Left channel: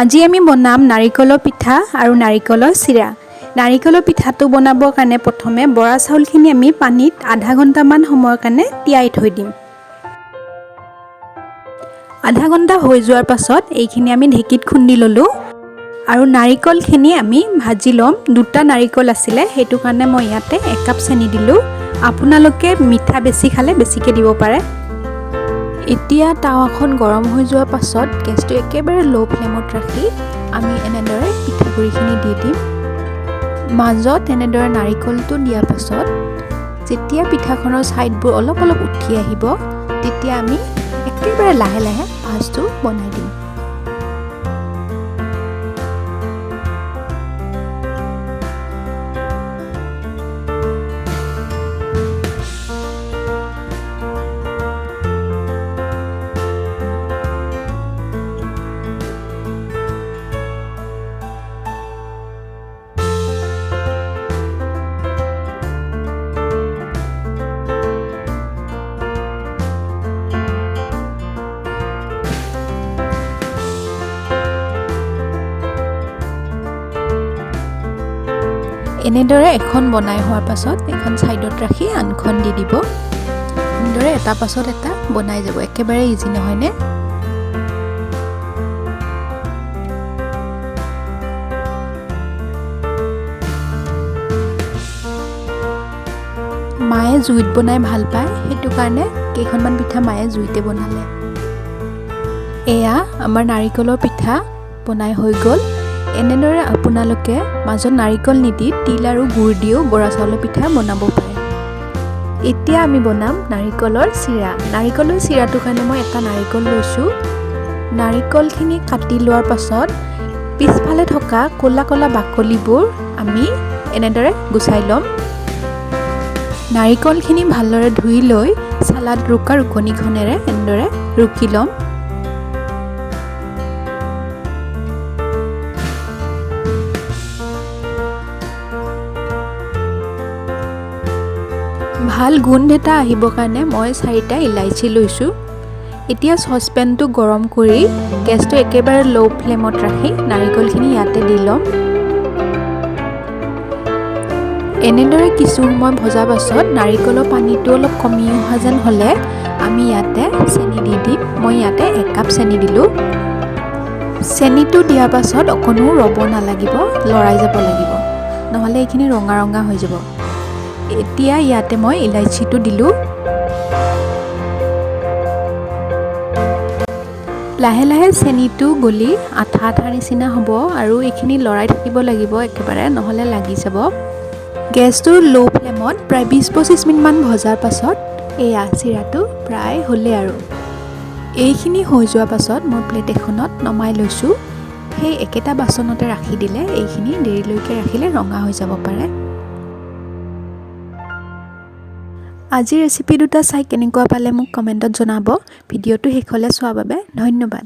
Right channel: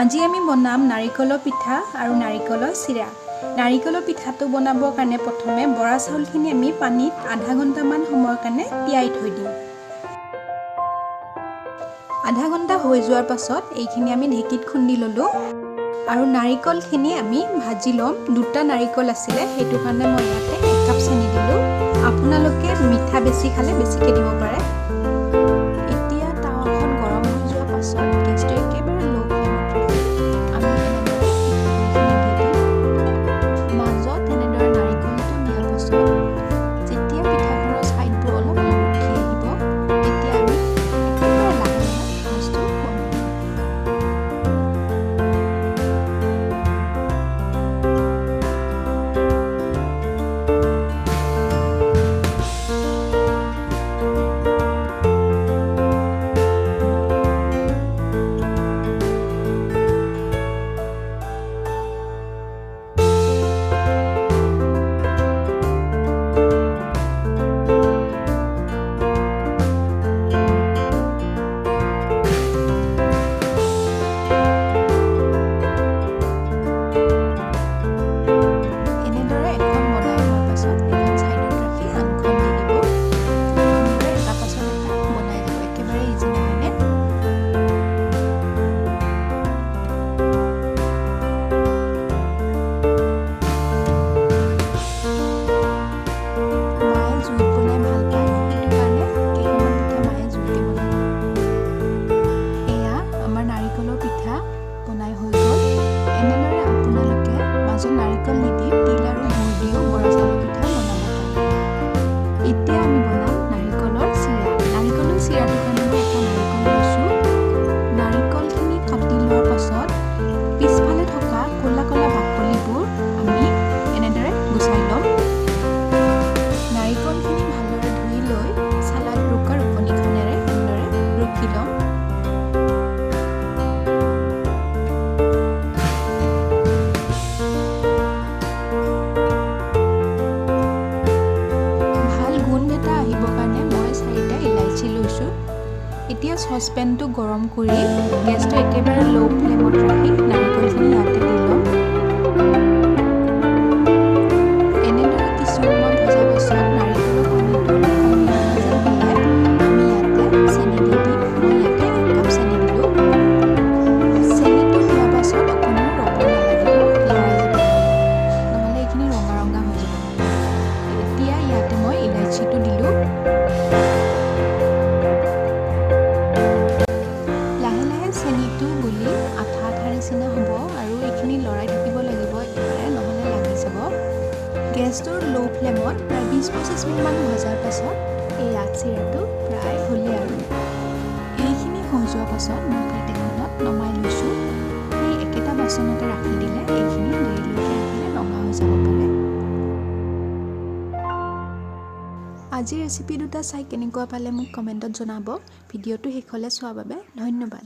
আজি আমি বনাম নাৰিকলৰ পিঠা আৰু নাৰিকলৰ চিৰা। নাৰিকলৰ পিঠাটো বনাবৰ কাৰণে প্ৰথমে বৰা চাউলখিনি আমি পানীত আধা ঘণ্টামান সময়ৰ কাৰণে তিয়াই থৈ দিম। আধা ঘণ্টা হৈ যোৱাৰ পাছত এইখিনি আমি ঢেঁকীত খুন্দি ল'লোঁ আৰু নাৰিকলখিনি আমি ভাজি ল'ম। দুটা নাৰিকল আছিলে, সেইটো কাৰণে মই ইয়াতে 1 কাপ চেনি দিলোঁ। আপোনালোকে মিঠা বেছি খালে বেছিকৈ দিব পাৰে। এতিয়া টাৱাখন গৰম হৈ যোৱাৰ পাছত গেছটো একেবাৰে ল' ফ্লেমত ৰাখি আমি এনেদৰে পিঠাগুড়িখিনি দি দিম। মাজত এনেদৰে নাৰিকলটো দিয়াৰ পাছত যেতিয়া পিঠাখনৰ ছাইডবোৰ অলপ অলপ উঠি আহিব তেতিয়া আমি একেবাৰে লাহে লাহে ভাজটো বনাই দিম। এনেদৰে এখন বনাই হোৱাৰ পাছত এখন ছাইডত ৰাখি আনখন দি দিব। এনেদৰে এটা পাছত এটা বনাই যাব, একেবাৰে ইজি নহয়নে? মায়ে জুইত বনাই ভাল পায়, সেইটো কাৰণে কেইখনমান পিঠা মায়ে জুইতে বনালে। এয়া আমাৰ নাৰিকলৰ পিঠা বনাই হৈ গ'ল। এনেদৰে আপোনালোকে মাজত নাৰিকল নিদি তিল আৰু গুড় দিও বৰা চাউলৰ পিঠা বনাব পাৰে। এতিয়া আমি বনাম নাৰিকলৰ চিৰা। নাৰিকলৰ চিৰাটোৰ কাৰণে মই এটা নাৰিকল লৈছোঁ। নাৰিকলখিনি কাটি লোৱাৰ পাছত পিছফালে থকা ক'লা ক'লা বাকলিবোৰ আমি এনেদৰে গুচাই ল'ম। নাৰিকলখিনি ভালদৰে ধুই লৈ চালাড ৰুকা ৰুকনিখনেৰে এনেদৰে ৰুকি ল'ম। ভাল গোন্ধ এটা আহিবৰ কাৰণে মই 4টা ইলাইচি লৈছোঁ। এতিয়া চচপেনটো গৰম কৰি গেছটো একেবাৰে ল' ফ্লেমত ৰাখি নাৰিকলখিনি ইয়াতে দি ল'ম। এনেদৰে কিছু সময় ভজাৰ পাছত নাৰিকলৰ পানীটো অলপ কমি অহা যেন হ'লে আমি ইয়াতে চেনি দি দিম। মই ইয়াতে 1 কাপ চেনি দিলোঁ। চেনিটো দিয়াৰ পাছত অকণো ৰ'ব নালাগিব, লৰাই যাব লাগিব, নহ'লে এইখিনি ৰঙা ৰঙা হৈ যাব। এতিয়া ইয়াতে মই ইলাইচিটো দিলোঁ। লাহে লাহে চেনিটো গলি আঠা আঠা নিচিনা হ'ব আৰু এইখিনি লৰাই থাকিব লাগিব একেবাৰে, নহ'লে লাগি যাব। গেছটো ল' ফ্লেমত প্ৰায় 20-25 মিনিটমান ভজাৰ পাছত এয়া চিৰাটো প্ৰায় হ'লে আৰু। এইখিনি হৈ যোৱাৰ পাছত মই প্লেট এখনত নমাই লৈছোঁ। সেই একেটা বাচনতে ৰাখি দিলে এইখিনি দেৰিলৈকে ৰাখিলে ৰঙা হৈ যাব পাৰে। আজিৰ ৰেচিপি দুটা চাই কেনেকুৱা পালে মোক কমেণ্টত জনাব। ভিডিঅ'টো শেষলৈ চোৱাৰ বাবে ধন্যবাদ।